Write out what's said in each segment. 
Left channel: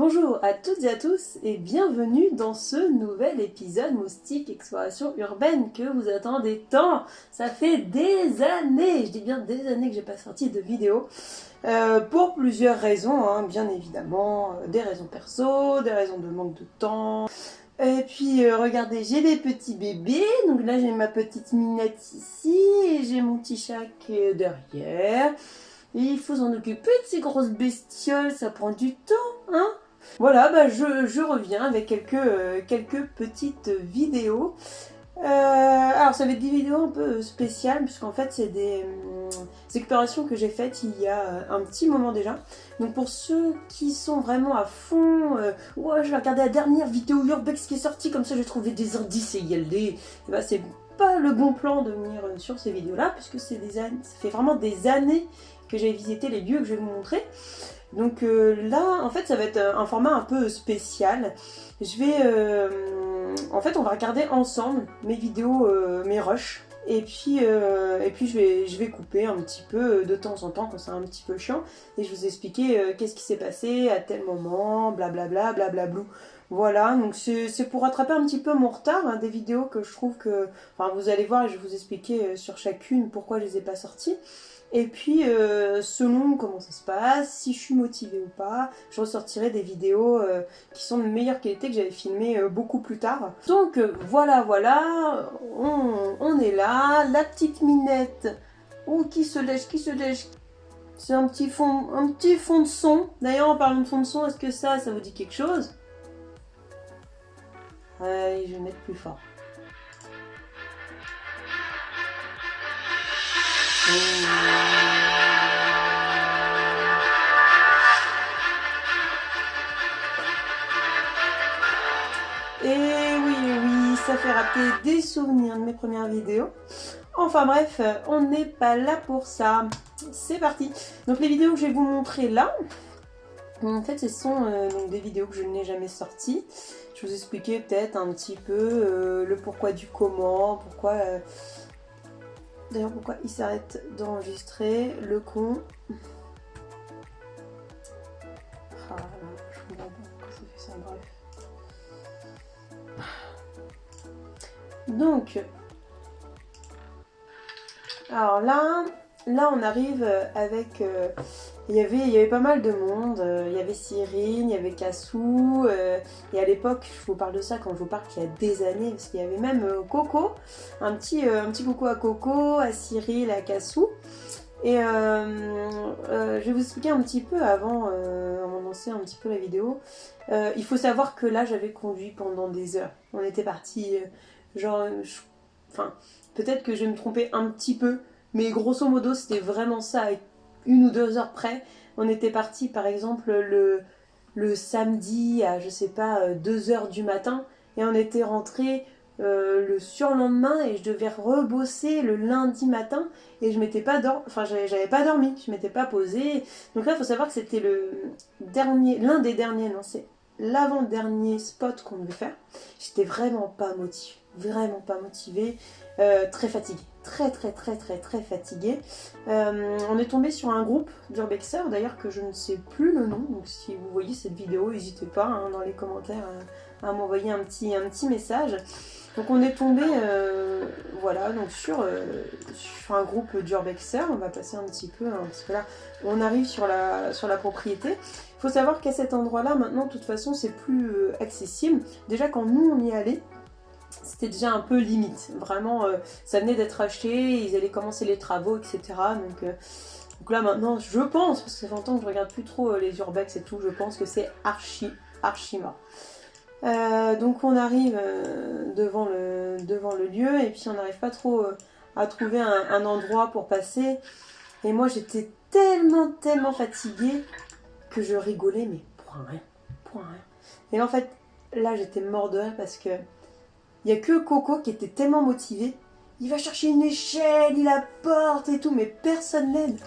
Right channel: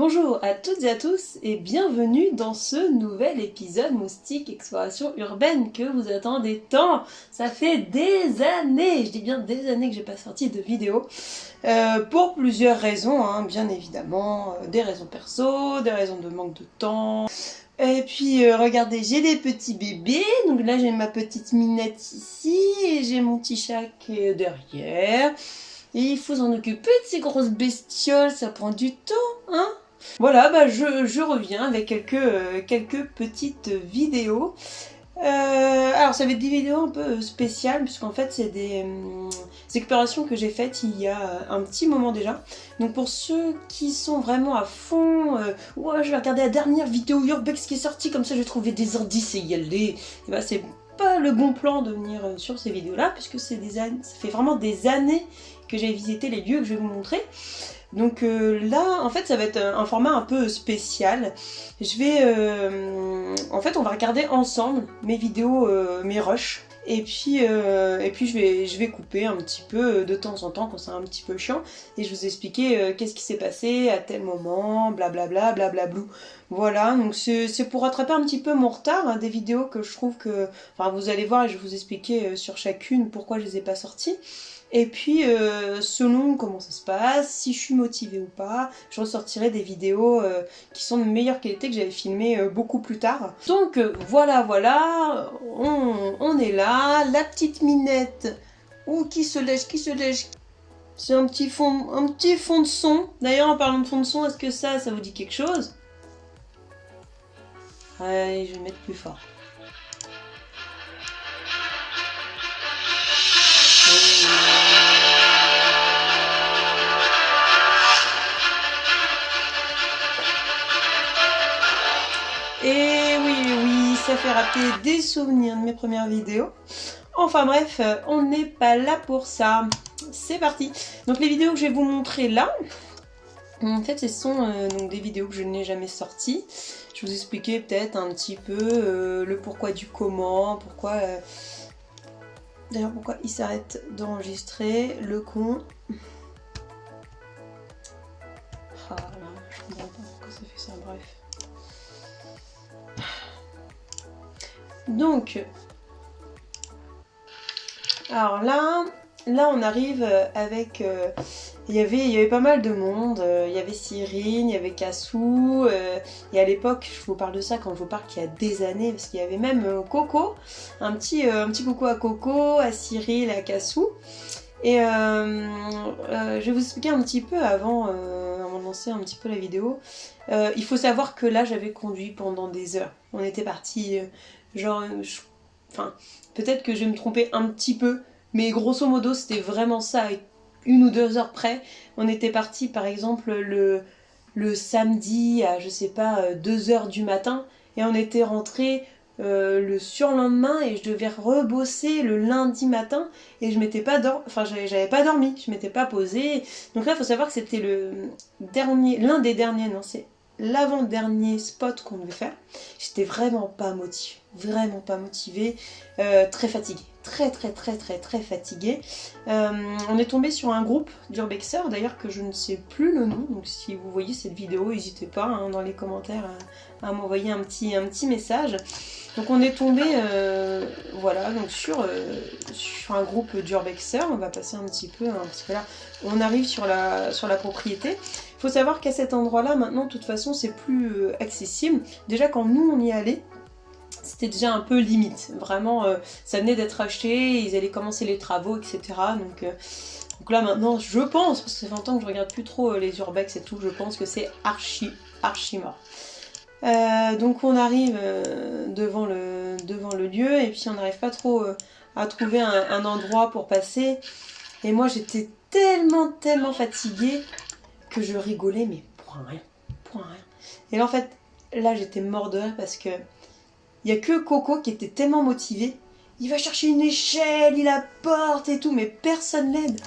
Bonjour à toutes et à tous et bienvenue dans ce nouvel épisode Moustique Exploration Urbaine que vous attendez tant. Ça fait des années, je dis bien des années que j'ai pas sorti de vidéo pour plusieurs raisons, hein, bien évidemment, des raisons perso, des raisons de manque de temps. Et puis regardez, j'ai des petits bébés, donc là j'ai ma petite minette ici et j'ai mon petit chat qui est derrière. Et il faut s'en occuper de ces grosses bestioles, ça prend du temps, hein. Voilà, je reviens avec quelques petites vidéos. Alors ça va être des vidéos un peu spéciales, puisqu'en fait c'est des explorations que j'ai faites il y a un petit moment déjà. Donc pour ceux qui sont vraiment à fond, ouais, je vais regarder la dernière vidéo Urbex qui est sortie, comme ça j'ai trouvé des indices et y aller. Et bah c'est pas le bon plan de venir sur ces vidéos là, puisque ça fait vraiment des années que j'ai visité les lieux que je vais vous montrer. Donc là, en fait, ça va être un format un peu spécial. Je vais... en fait, on va regarder ensemble mes vidéos, mes rushs. Et puis je vais couper un petit peu de temps en temps quand c'est un petit peu chiant. Et je vous expliquer qu'est-ce qui s'est passé à tel moment, blablabla, blablablou. Voilà, donc c'est pour rattraper un petit peu mon retard, hein, des vidéos que je trouve que... Enfin, vous allez voir et je vais vous expliquer sur chacune pourquoi je les ai pas sorties. Et puis, selon comment ça se passe, si je suis motivée ou pas, je ressortirai des vidéos qui sont de meilleure qualité que j'avais filmées beaucoup plus tard. Donc voilà, on est là, la petite minette, qui se lèche. C'est un petit fond de son. D'ailleurs, en parlant de fond de son, est-ce que ça vous dit quelque chose? Allez, je vais mettre plus fort. Et oui, ça fait rappeler des souvenirs de mes premières vidéos. Enfin bref, on n'est pas là pour ça. C'est parti. Donc les vidéos que je vais vous montrer là, en fait ce sont donc des vidéos que je n'ai jamais sorties. Je vous expliquais peut-être un petit peu le pourquoi du comment, pourquoi... D'ailleurs pourquoi il s'arrête d'enregistrer, le con. Ah là, je comprends pas pourquoi ça fait ça, bref. Donc, alors là on arrive avec... il y avait pas mal de monde, il y avait Cyrine, il y avait Cassou, et à l'époque, je vous parle de ça quand je vous parle qu'il y a des années, parce qu'il y avait même Coco, un petit coucou à Coco, à Cyril, à Cassou. Et je vais vous expliquer un petit peu avant de lancer un petit peu la vidéo. Il faut savoir que là, j'avais conduit pendant des heures. On était parti, enfin, peut-être que je vais me tromper un petit peu, mais grosso modo, c'était vraiment ça, à 1 ou 2 heures près. On était parti, par exemple, le samedi à, je sais pas, 2 heures du matin, et on était rentré le surlendemain et je devais rebosser le lundi matin et je m'étais pas j'avais pas dormi, je m'étais pas posée. Donc là il faut savoir que c'était l'un des derniers, non c'est l'avant-dernier spot qu'on devait faire. J'étais vraiment pas motivée, très fatiguée, très fatiguée. On est tombé sur un groupe d'urbexeurs d'ailleurs que je ne sais plus le nom, donc si vous voyez cette vidéo n'hésitez pas hein, dans les commentaires à m'envoyer un petit message. Donc on est tombé voilà, donc sur un groupe d'urbexeurs. On va passer un petit peu, hein, parce que là on arrive sur la propriété. Il faut savoir qu'à cet endroit là maintenant de toute façon c'est plus accessible. Déjà quand nous on y allait, c'était déjà un peu limite, vraiment ça venait d'être acheté, ils allaient commencer les travaux, etc. Donc là maintenant je pense, parce que ça fait longtemps que je regarde plus trop les urbex et tout, je pense que c'est archi mort. Donc on arrive devant le lieu et puis on n'arrive pas trop à trouver un endroit pour passer. Et moi j'étais tellement fatiguée que je rigolais mais pour rien. Et là en fait là j'étais mort de rire parce que il n'y a que Coco qui était tellement motivé. Il va chercher une échelle, il apporte et tout, mais personne l'aide.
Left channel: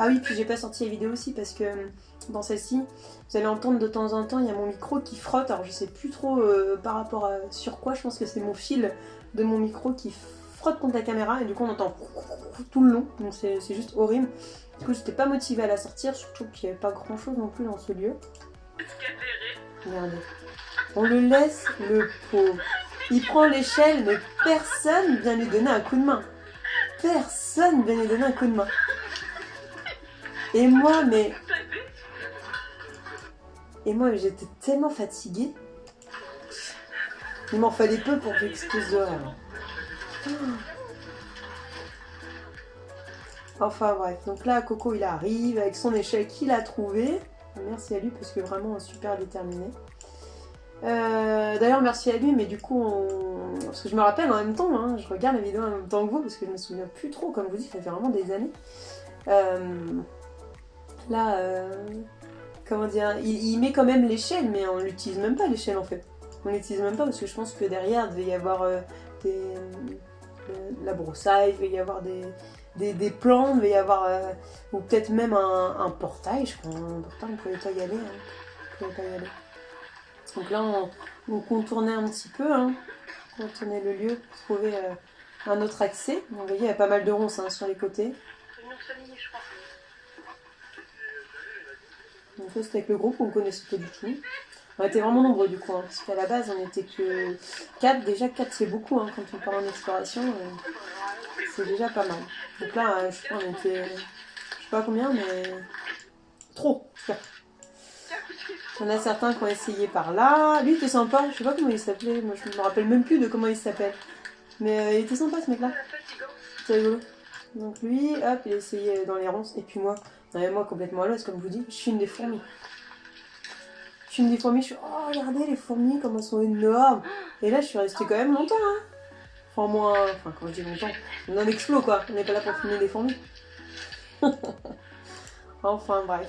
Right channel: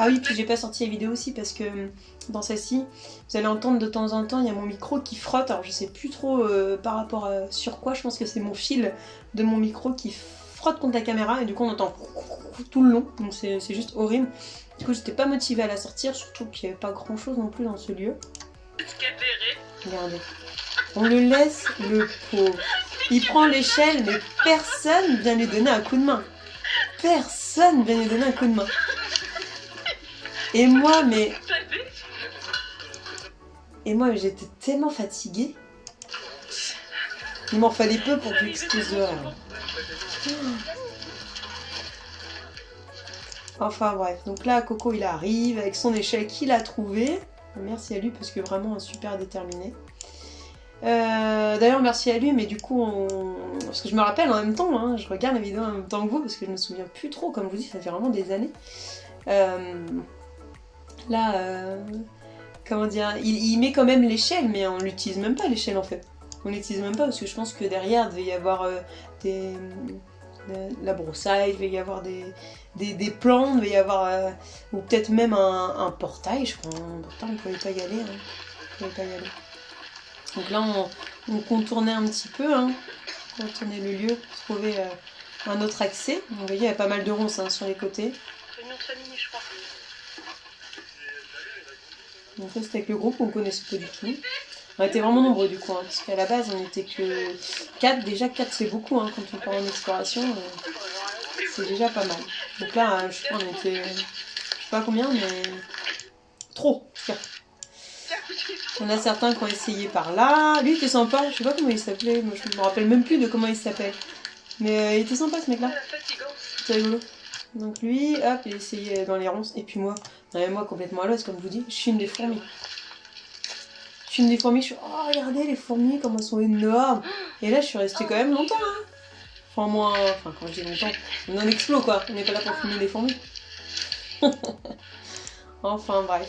Ah oui, puis j'ai pas sorti la vidéo aussi parce que dans celle-ci, vous allez entendre de temps en temps, il y a mon micro qui frotte. Alors je sais plus trop par rapport à sur quoi, je pense que c'est mon fil de mon micro qui frotte contre la caméra et du coup on entend tout le long, donc c'est juste horrible. Du coup, j'étais pas motivée à la sortir, surtout qu'il n'y avait pas grand chose non plus dans ce lieu. Regardez. On le laisse, le pauvre. Il prend l'échelle, mais personne vient lui donner un coup de main. Personne vient lui donner un coup de main. Et moi, j'étais tellement fatiguée. Il m'en fallait peu pour que j'explose de rire. Enfin bref, donc là Coco il arrive avec son échelle qu'il a trouvé. Merci à lui parce que vraiment super déterminé. D'ailleurs merci à lui, mais du coup parce que je me rappelle en même temps, hein, je regarde la vidéo en même temps que vous parce que je me souviens plus trop, comme je vous dis ça fait vraiment des années. Comment dire, il met quand même l'échelle, mais on l'utilise même pas l'échelle en fait. On l'utilise même pas parce que je pense que derrière il devait y avoir la broussaille, il devait y avoir des plans, il devait y avoir ou peut-être même un portail, je crois. Un portail, on pouvait pas y aller. Hein. On pouvait pas y aller. Donc là on contournait un petit peu, hein. On contournait le lieu pour trouver un autre accès. Donc, vous voyez, il y a pas mal de ronces hein, sur les côtés. Réunion de famille, je crois. Donc ça c'était avec le groupe qu'on connaissait pas du tout. On était vraiment nombreux du coup, hein, parce qu'à la base on était que 4. Déjà 4 c'est beaucoup hein, quand on part en exploration, c'est déjà pas mal. Donc là je crois on était, je sais pas combien, mais trop. On a certains qui ont essayé par là. Lui il était sympa, je sais pas comment il s'appelait, moi je me rappelle même plus de comment il s'appelle. Mais il était sympa ce mec là. C'était rigolo. Donc lui, hop, il a essayé dans les ronces. Et puis moi complètement à l'os, comme je vous dis, je filme des fourmis. Je filme des fourmis, je suis oh regardez les fourmis, comme elles sont énormes. Et là je suis restée quand même longtemps hein. Enfin quand je dis longtemps, on en explo quoi, on n'est pas là pour filmer des fourmis. Enfin bref.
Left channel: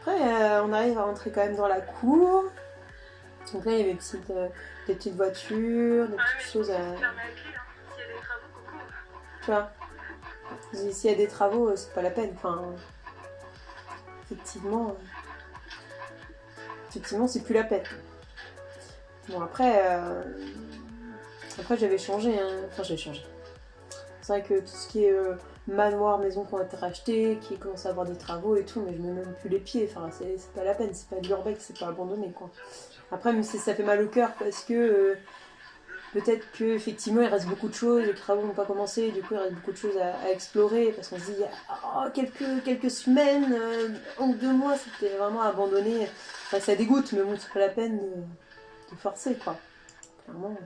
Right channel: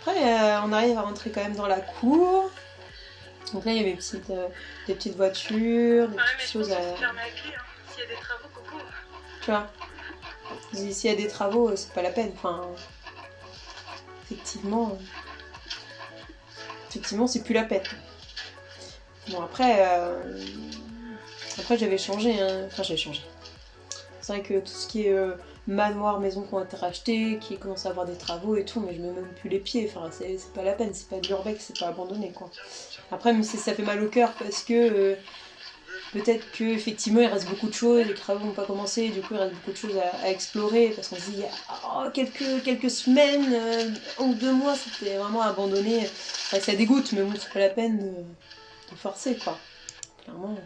Après on arrive à rentrer quand même dans la cour. Donc là il y avait des petites voitures, des petites choses à... Tu vois, s'il y a des travaux, c'est pas la peine. Enfin, effectivement, c'est plus la peine. Bon, après j'avais changé. Hein. Enfin, j'avais changé. C'est vrai que tout ce qui est manoir, maison qui ont été rachetées, qui commencent à avoir des travaux et tout, mais je mets même plus les pieds. Enfin, c'est pas la peine. C'est pas de l'urbex, c'est pas abandonné, quoi. Après, mais ça fait mal au cœur parce que... peut-être qu'effectivement il reste beaucoup de choses, les travaux n'ont pas commencé, du coup il reste beaucoup de choses à explorer, parce qu'on se dit, oh, quelques semaines, 1 ou 2 mois, c'était vraiment abandonné. Enfin, ça dégoûte, mais bon, c'est pas la peine de forcer, quoi. Clairement.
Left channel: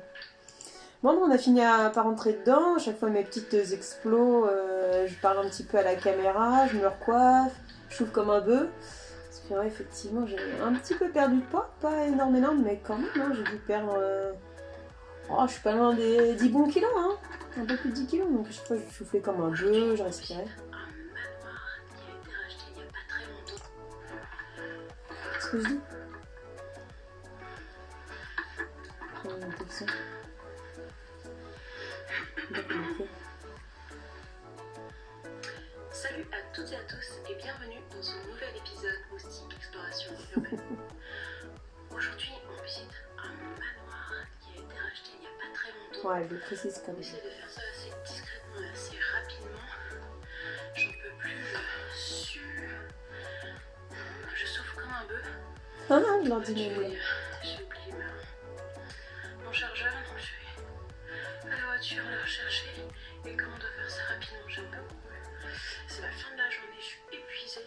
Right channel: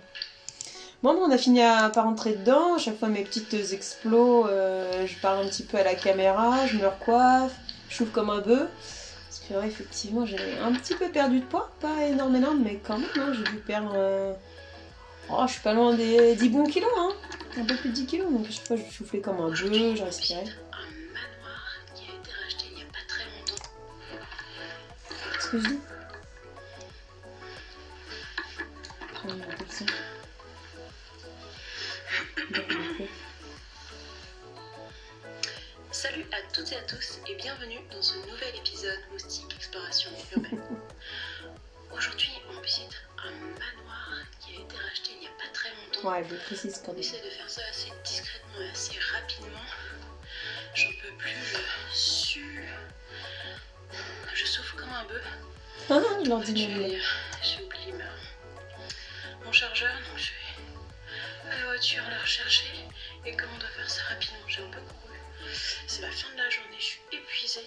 Bon, on a fini par rentrer dedans, à chaque fois mes petites explos, je parle un petit peu à la caméra, je me recoiffe, je souffle comme un bœuf. Parce que ouais, effectivement, j'ai un petit peu perdu de poids, pas énormément, mais quand même, hein, j'ai dû perdre... Oh, je suis pas loin des 10 bons kilos, hein. Un peu plus de 10 kilos, donc à chaque fois je soufflais comme un bœuf, je respirais. Un manoir qui a été racheté il y a pas très longtemps. Qu'est-ce que je dis? Un peu de ça. Salut à toutes et à tous et bienvenue dans ce nouvel épisode Moustique Exploration Urbaine. Aujourd'hui, on visite un manoir qui a été racheté il n'y a pas très longtemps. Ouais, je précise quand On même. essaie de faire ça assez discrètement et assez rapidement. J'en peux plus, je sue. Je souffle comme un bœuf. Ah, je leur dis J'ai oublié mon chargeur, donc je vais à la voiture le rechercher. Et comme on doit faire ça rapidement, j'ai un peu couru. C'est la fin de la journée, je suis épuisée.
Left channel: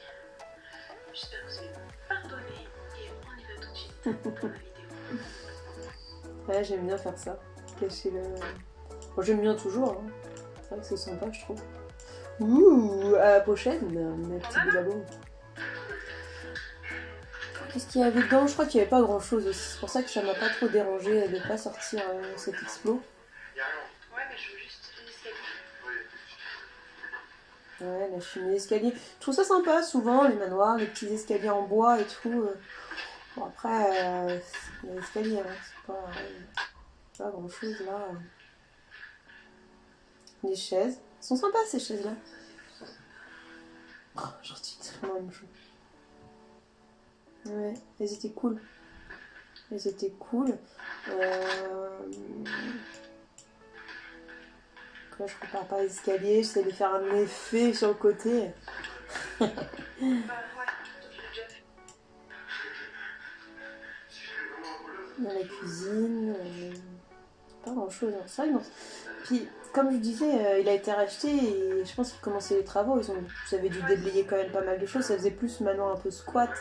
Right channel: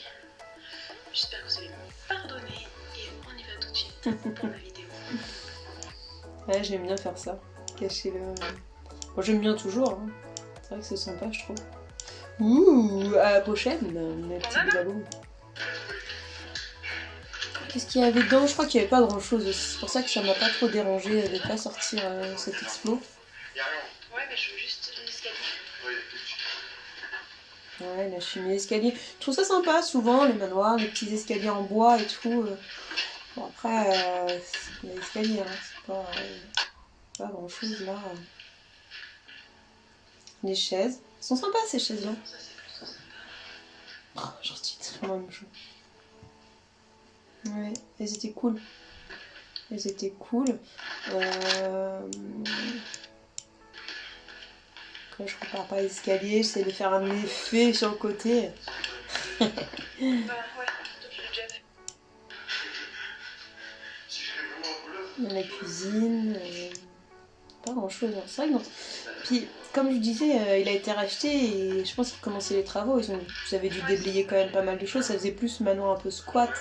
J'espère que vous allez me pardonner. Et on y va tout de suite pour la vidéo. Ouais, j'aime bien faire ça. Cacher le... Bon, j'aime bien toujours. Hein. C'est vrai que c'est sympa, je trouve. Ouh, à la prochaine, mes petits bidabons. Qu'est-ce qu'il y avait dedans? Je crois qu'il n'y avait pas grand chose aussi. C'est pour ça que ça m'a pas trop dérangé de pas sortir cet explo. Ouais, mais je veux juste l'escalier. Ouais, la cheminée d'escalier. Je trouve ça sympa, souvent, les manoirs, les petits escaliers en bois et tout. Bon, après, il y a l'escalier, hein. C'est pas grand chose là. Les chaises. Elles sont sympas ces chaises-là. Oh, j'en suis extrêmement chou. Ouais, elles étaient cool. Elles étaient cool. Là, je repars pas l'escalier, j'essaie de faire un effet sur le côté. Bah ouais, toi tu l'as déjà fait. Dans la cuisine, pas grand chose. C'est vrai que non. Puis, comme je disais, il a été racheté et je pense qu'ils commençaient les travaux. Ils avaient dû déblayer quand même pas mal de choses. Ça faisait plus manoir un peu squat Ah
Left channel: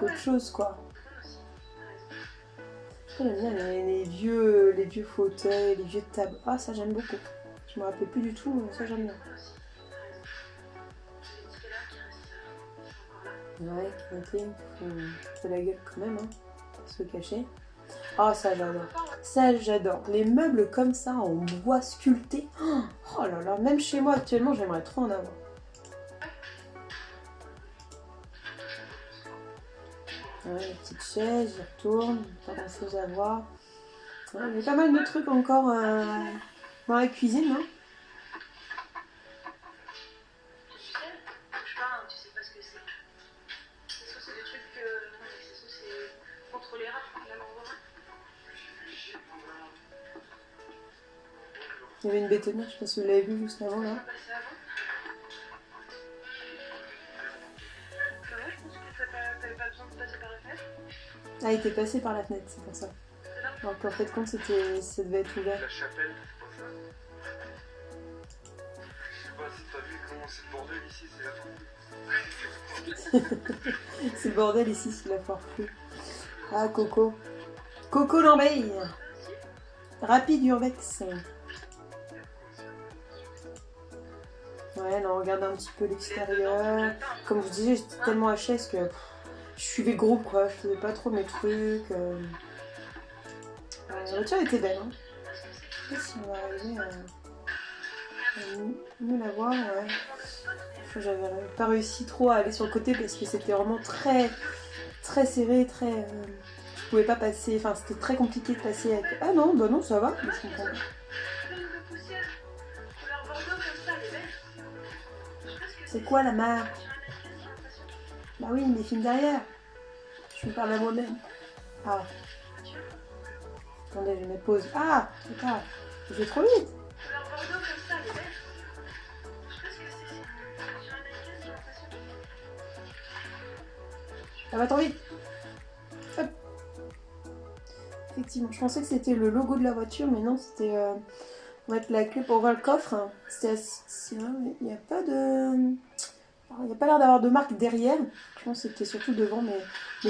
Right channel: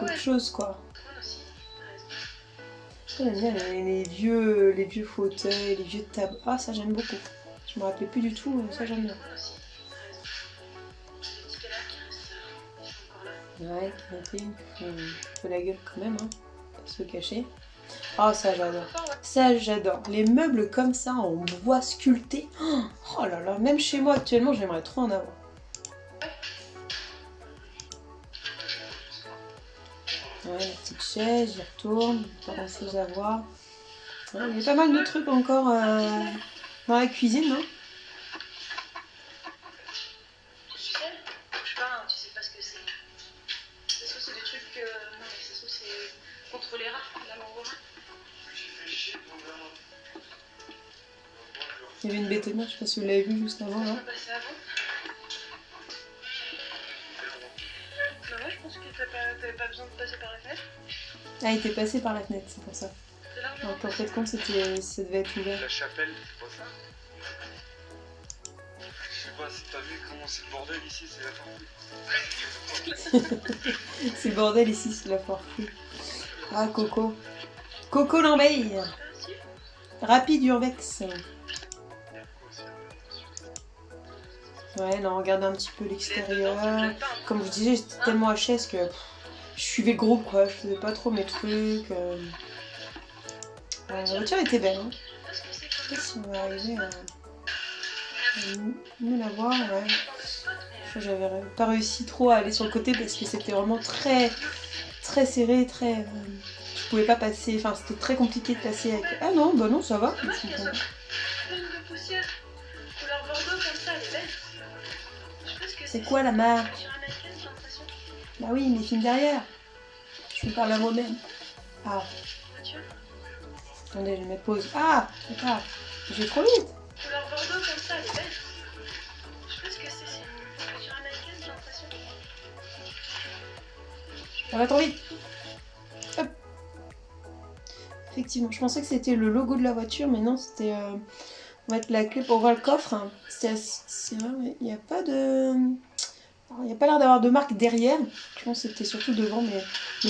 qu'autre ouais, chose, quoi. moi aussi, t'as raison. J'aime bien les vieux fauteuils, les vieux tables. Ah, ça j'aime beaucoup. Je me rappelais plus du tout, mais ça j'aime bien. Moi aussi, t'as raison. C'est les tickets là qui restent, ils sont encore là. Ouais, canapé, faut la gueule quand même, hein. Pas se le cacher. Ah, ça j'adore. Ça j'adore. Les meubles comme ça, en bois sculpté. Oh là là, même chez moi actuellement, j'aimerais trop en avoir. Ouais, la petite chaise, j'y retourne, pas grand chose à voir. Ouais, il y a pas mal de trucs encore dans la cuisine, non? Tu sais, je sais pas, tu sais pas ce que c'est. Ça se trouve, c'est des trucs que. Non, mais ça se trouve, c'est contre les rats, la mort aux rats. Il y avait une bétonnière, je sais pas si vous l'avez vu juste avant, Ça non? va passer avant. Bah ouais, je pense que t'avais pas besoin de passer par la fenêtre. Ah, il était passé par la fenêtre, c'est pour ça. C'est large. Donc en fait, comme ça devait être ouvert. La chapelle, c'est pas ça? Je sais pas si t'as vu comment c'est le bordel ici, c'est la fin. C'est le bordel ici, c'est la foire floue. Ah, Coco. Coco l'enveille. Rapide Urbex. Ouais, là, on regardait un petit peu l'extérieur. Comme je disais, j'étais tellement HS que je suivais le groupe, quoi. Je faisais pas trop mes trucs. La voiture était belle, hein. Je sais pas si on va arriver à nous la voir, ouais. J'avais pas réussi trop à aller sur le côté parce que c'était vraiment très serré, très... je pouvais pas passer, enfin c'était très compliqué de passer avec... Ah non, bah non, ça va. Pleine de poussière, couleur bordeaux comme ça, elle est belle. Je sais pas ce que C'est quoi la marque? Sur un mannequin, j'ai l'impression. Bah oui, mes films derrière. Je me parle à moi-même. Ah, Voiture, attendez, je vais mettre pause. Ah, attends, j'ai trop vite. couleur bordeaux comme ça, elle est belle. Je sais pas ce que c'est sur un mannequin, j'ai l'impression. Ça va trop vite. Hop. Effectivement, je pensais que c'était le logo de la voiture, mais non, c'était... on va mettre la clé pour voir le coffre. C'est vrai, mais il n'y a pas de... Il n'y a pas l'air d'avoir de marque derrière. Je pense que c'était surtout devant, mais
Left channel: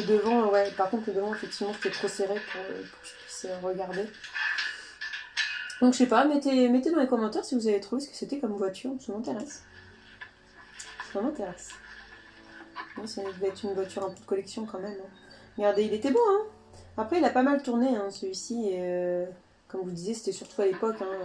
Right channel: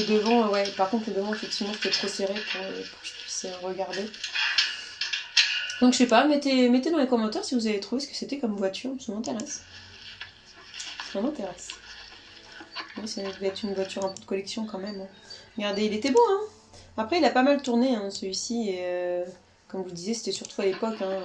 devant, ouais. Par contre, le devant, effectivement, c'était trop serré pour que je puisse regarder. Donc, je sais pas, mettez dans les commentaires si vous avez trouvé ce que c'était comme voiture. Ça m'intéresse. Ça m'intéresse. Oui, ça devait être une voiture un peu de collection quand même. Hein. Regardez, il était beau, hein. Après, il a pas mal tourné, hein, celui-ci. Et comme je vous disais, c'était surtout à l'époque, hein,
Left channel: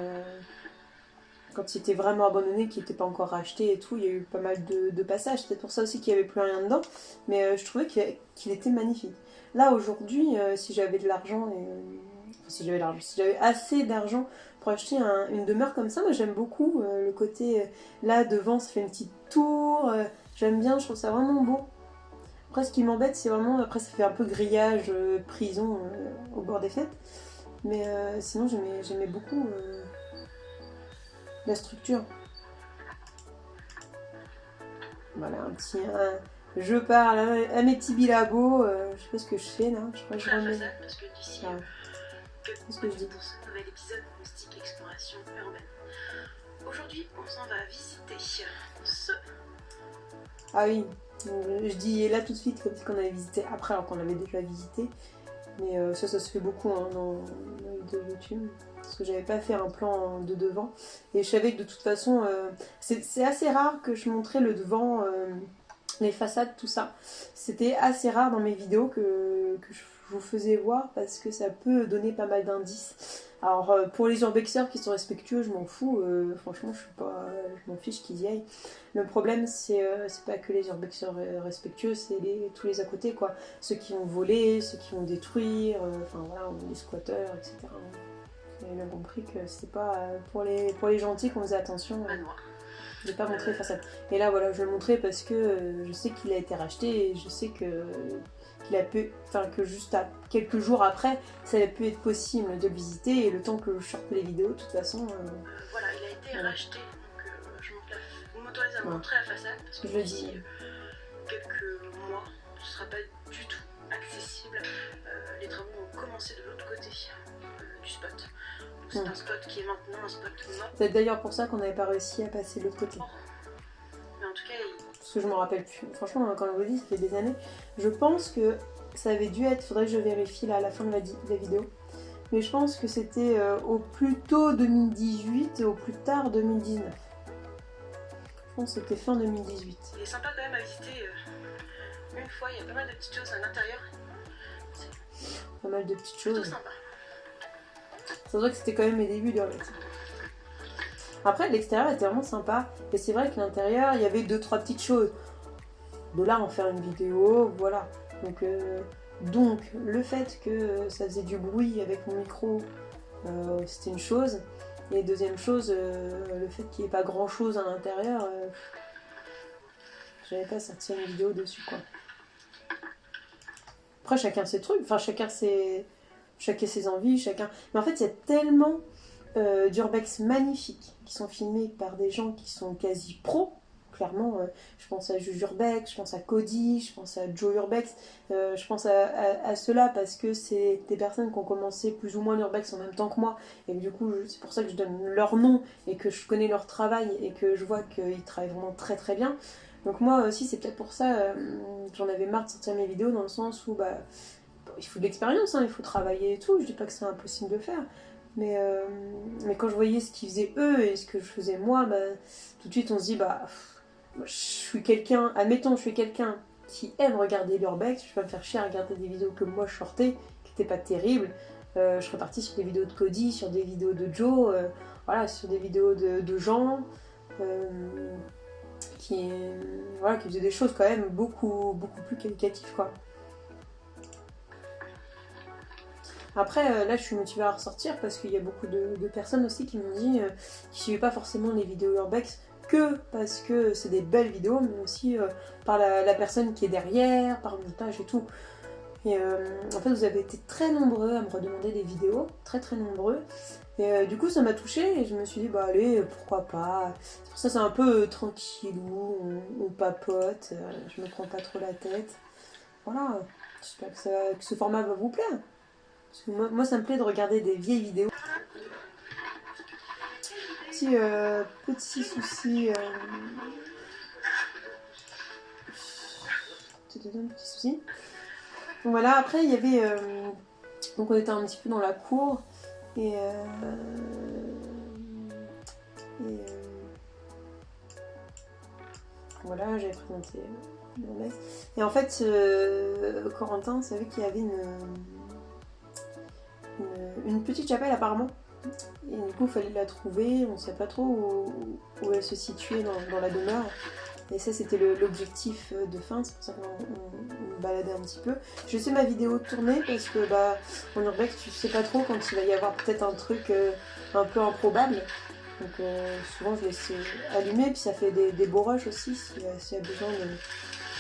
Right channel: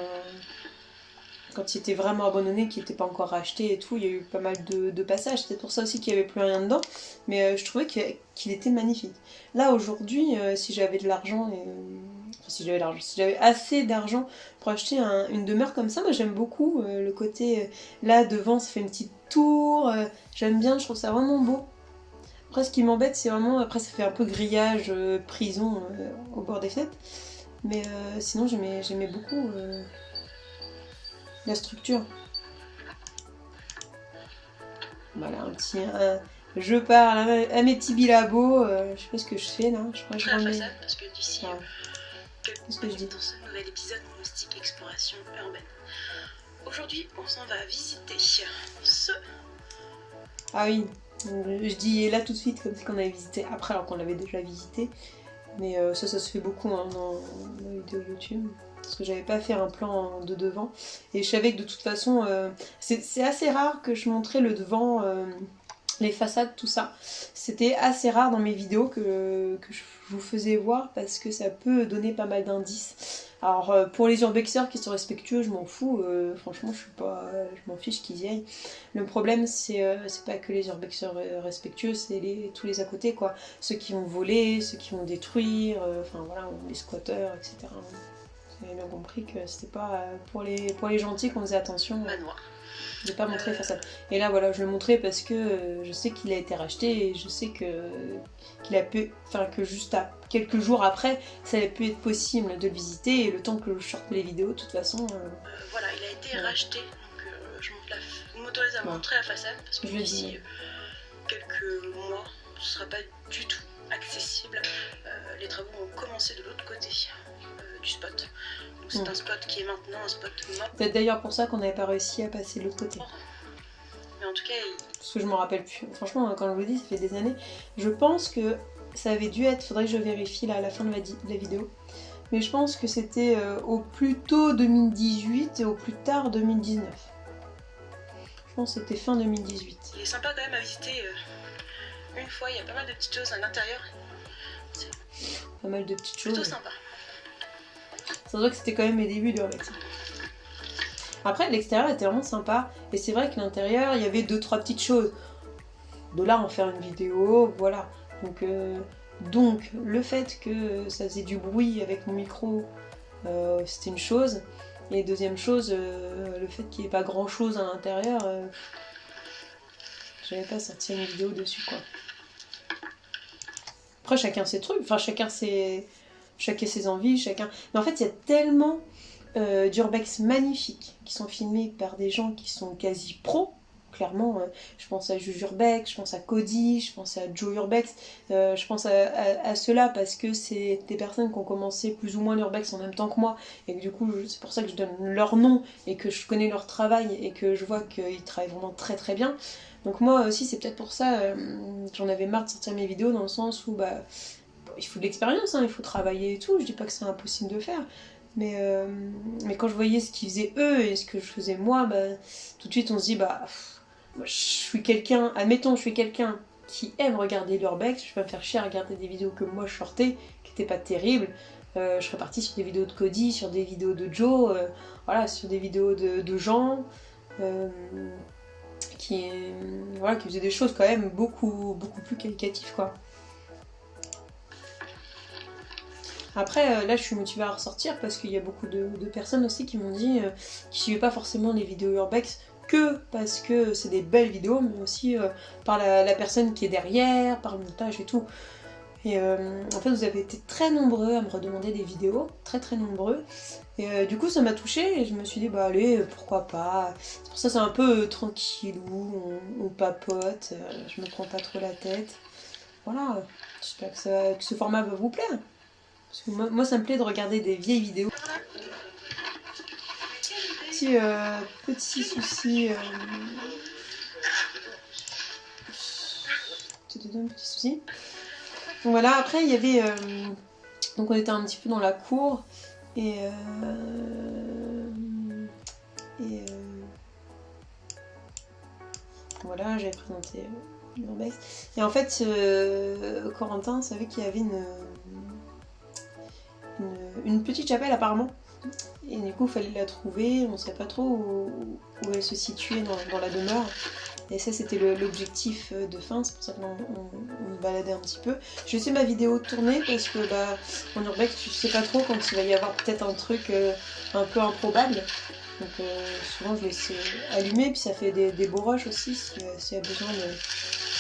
quand il était vraiment abandonné, qu'il n'était pas encore racheté et tout. Il y a eu pas mal de passages. C'est pour ça aussi qu'il n'y avait plus rien dedans. Mais je trouvais qu'il était magnifique. Là, aujourd'hui, si j'avais de l'argent... si j'avais assez d'argent pour acheter une demeure comme ça, moi j'aime beaucoup le côté... là, devant, ça fait une petite tour. J'aime bien, je trouve ça vraiment beau. Après, ce qui m'embête, c'est vraiment... Après, ça fait un peu grillage, prison au bord des fenêtres. Mais sinon, j'aimais beaucoup la structure. Voilà, un petit... je parle à mes petits bilabos. Je sais pas ce que je fais, là. Je crois que je La remets... façade, parce que d'ici Ah. Qu'est-ce que je dis? dans ce nouvel épisode Moustique Exploration Urbaine. Aujourd'hui, on s'en va visiter ce... Ah oui, je dis là tout de suite comme si on avait visité après alors qu'on l'avait déjà visité. Mais ça se fait beaucoup hein, dans la vidéo YouTube. Parce que j'avais pas fait un plan de devant. Et je savais que de toute façon, c'est assez rare que je montrais le devant, les façades, tout ça. C'était assez rare dans mes vidéos que je vous faisais voir parce que ça peut donner pas mal d'indices. Alors pour les urbexeurs qui sont respectueux, je m'en fous. Franchement, je m'en fiche qu'ils y aillent. Le problème, c'est pas que les urbexeurs respectueux, c'est tous les à côté, quoi. Ceux qui vont voler, ceux qui vont détruire, enfin voilà, les squatteurs, etc. Vous avez bien compris que c'était pas pour les gentils qu'on faisait attention. manoir. De pas montrer les façades. Et là voilà, je le montrais parce que je sais qu'il a été racheté et je sais qu'il a pu, enfin que juste à quelques jours après, ça avait pu être possible de le visiter et le temps que je sorte les vidéos, de toute façon. Voilà, il a été racheté, donc je monte la m'autorise à Ouais. montrer la façade parce que Je le d'ici dis. quelques mois, ce sera pas du tout accessible. Les travaux ont commencé de l'autre côté du spot. Donc c'est un spot qui est maintenant un spot mort. C'est peut-être d'ailleurs pour ça qu'on n'avait pas réussi à passer de l'autre côté. Mais en tout cas, Parce que je m'en rappelle plus. Franchement, quand je vous dis, ça fait des années. Je pense que ça avait dû être, faudrait que je vérifie là, à la fin de la vidéo. Mais je pense que c'était au plus tôt 2018 et au plus tard 2019. Je pense que c'était fin 2018. il est sympa quand même à visiter une fois. Il y a pas mal de petites choses à l'intérieur. Pas mal de petites Plutôt choses. sympa. Ça se voit que c'était quand même mes débuts d'urbex. Après, l'extérieur était vraiment sympa. Et c'est vrai que l'intérieur, il y avait 2-3 petites choses. De là, en faire une vidéo, voilà. Donc le fait que ça faisait du bruit avec mon micro, c'était une chose. Et deuxième chose, le fait qu'il n'y ait pas grand chose à l'intérieur, j'avais pas sorti une vidéo dessus, quoi. Après, chacun ses trucs, enfin chacun ses envies, chacun. Mais en fait, il y a tellement d'urbex magnifiques qui sont filmés par des gens qui sont quasi pros. Clairement, je pense à Juju Urbex, je pense à Cody, je pense à Joe Urbex, je pense à ceux-là parce que c'est des personnes qui ont commencé plus ou moins l'urbex en même temps que moi et que du coup c'est pour ça que je donne leur nom et que je connais leur travail et que je vois qu'ils travaillent vraiment très très bien. Donc moi aussi c'est peut-être pour ça que j'en avais marre de sortir mes vidéos dans le sens où il faut de l'expérience, hein, il faut travailler et tout, je dis pas que c'est impossible de faire. Mais quand je voyais ce qu'ils faisaient eux et ce que je faisais moi, tout de suite on se dit moi, je suis quelqu'un, admettons, je suis quelqu'un qui aime regarder l'urbex, je vais me faire chier à regarder des vidéos que moi je sortais, qui n'étaient pas terribles. Je serais partie sur des vidéos de Cody, sur des vidéos de Joe, voilà, sur des vidéos de gens qui faisaient des choses quand même beaucoup plus qualitatives, quoi. Après, là, je suis motivée à ressortir parce qu'il y a beaucoup de personnes aussi qui m'ont dit qui suivaient pas forcément les vidéos urbex que parce que c'est des belles vidéos, mais aussi par la personne qui est derrière, par le montage et tout. Et en fait, vous avez été très nombreux à me redemander des vidéos, très très nombreux. Et du coup, ça m'a touchée et je me suis dit, allez, pourquoi pas. C'est pour ça, c'est un peu tranquillou, on papote, je me prends pas trop la tête. Voilà, j'espère que ce format va vous plaire. Parce que moi, ça me plaît de regarder des vieilles vidéos. Petit souci. Petit souci. Donc voilà, après il y avait. Donc on était un petit peu dans la cour. Et. Voilà, j'avais présenté l'urbex. Et en fait, Corentin savait qu'il y avait une petite chapelle apparemment. Et du coup, il fallait la trouver, on ne savait pas trop où elle se situait dans la demeure. Et ça, c'était l'objectif de fin, c'est pour ça qu'on baladait un petit peu. Je laissais ma vidéo tourner parce que en urbex, tu sais pas trop quand il va y avoir peut-être un truc un peu improbable. Donc souvent, je laisse allumer, puis ça fait des beaux rushs aussi s'il y a besoin de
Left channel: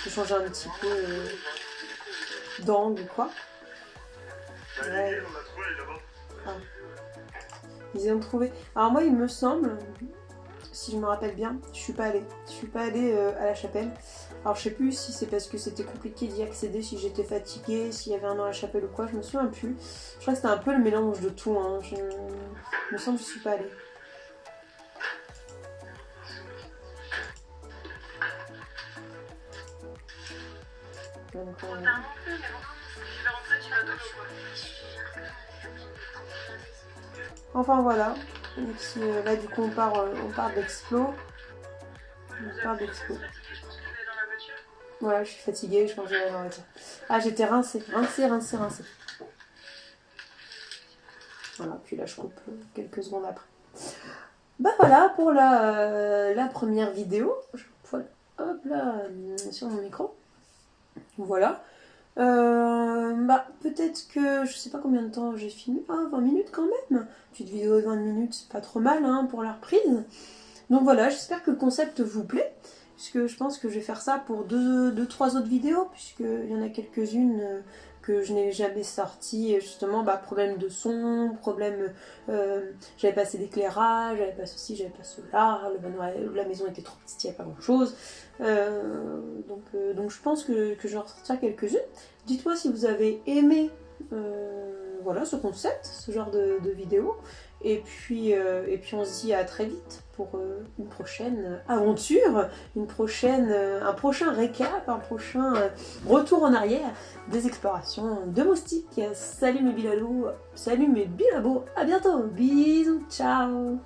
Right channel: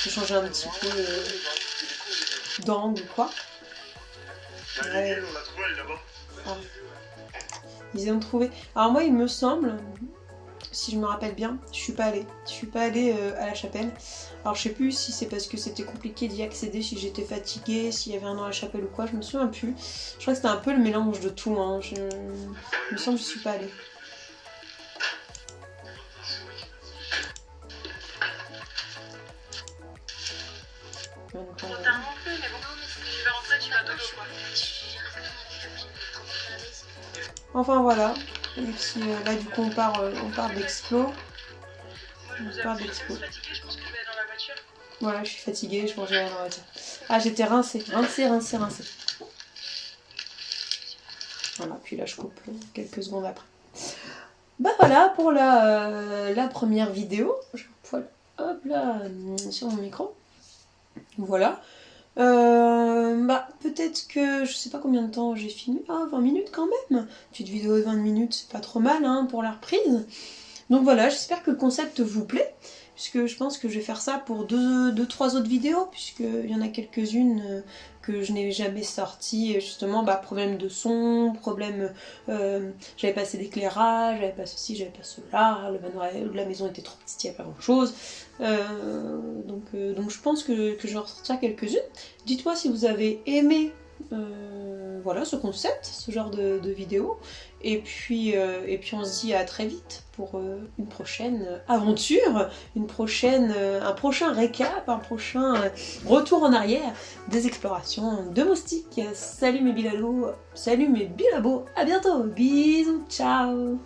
changer un petit peu d'angle ou quoi. Ouais. On l'a trouvé, elle est là-bas. Ah. Ils ont trouvé. Alors moi, il me semble, si je me rappelle bien, je suis pas allée. Je suis pas allée à la chapelle. Alors je sais plus si c'est parce que c'était compliqué d'y accéder, si j'étais fatiguée, s'il y avait un nom à la chapelle ou quoi, je me souviens plus. Je crois que c'était un peu le mélange de tout. Hein. Il me semble que je suis pas allée. Donc, Trop tard non plus, mais bon, tu vas rentrer, tu vas d'autres choix. enfin voilà. Et puis là du coup on part d'Explo. Moi, je vous avoue, je suis fatiguée, je pense que je vais aller dans la voiture. Voilà, je suis fatiguée, je pense que je vais aller dans la voiture. Ah, j'étais rincée. Voilà, puis là je coupe quelques secondes après. Voilà pour la première vidéo. Je poil hop là sur mon micro. Voilà. Peut-être que je sais pas combien de temps j'ai filmé. 20 minutes quand même. Petite vidéo de 20 minutes, c'est pas trop mal hein, pour la reprise. Donc voilà, j'espère que le concept vous plaît. Puisque je pense que je vais faire ça pour 2-3 autres vidéos. Puisqu'il y en a quelques-unes que je n'ai jamais sorti, justement, problème de son, problème, j'avais pas assez d'éclairage, j'avais pas ceci, j'avais pas cela, la maison était trop petite, il n'y a pas grand chose. Donc je pense que je vais en ressortir quelques-unes. Dites-moi si vous avez aimé voilà, ce concept, ce genre de vidéo. Et puis on se dit à très vite pour une prochaine aventure, un prochain récap, un prochain retour en arrière des explorations de moustiques. Salut mes bilalous, salut mes bilabos, à bientôt, bisous, ciao.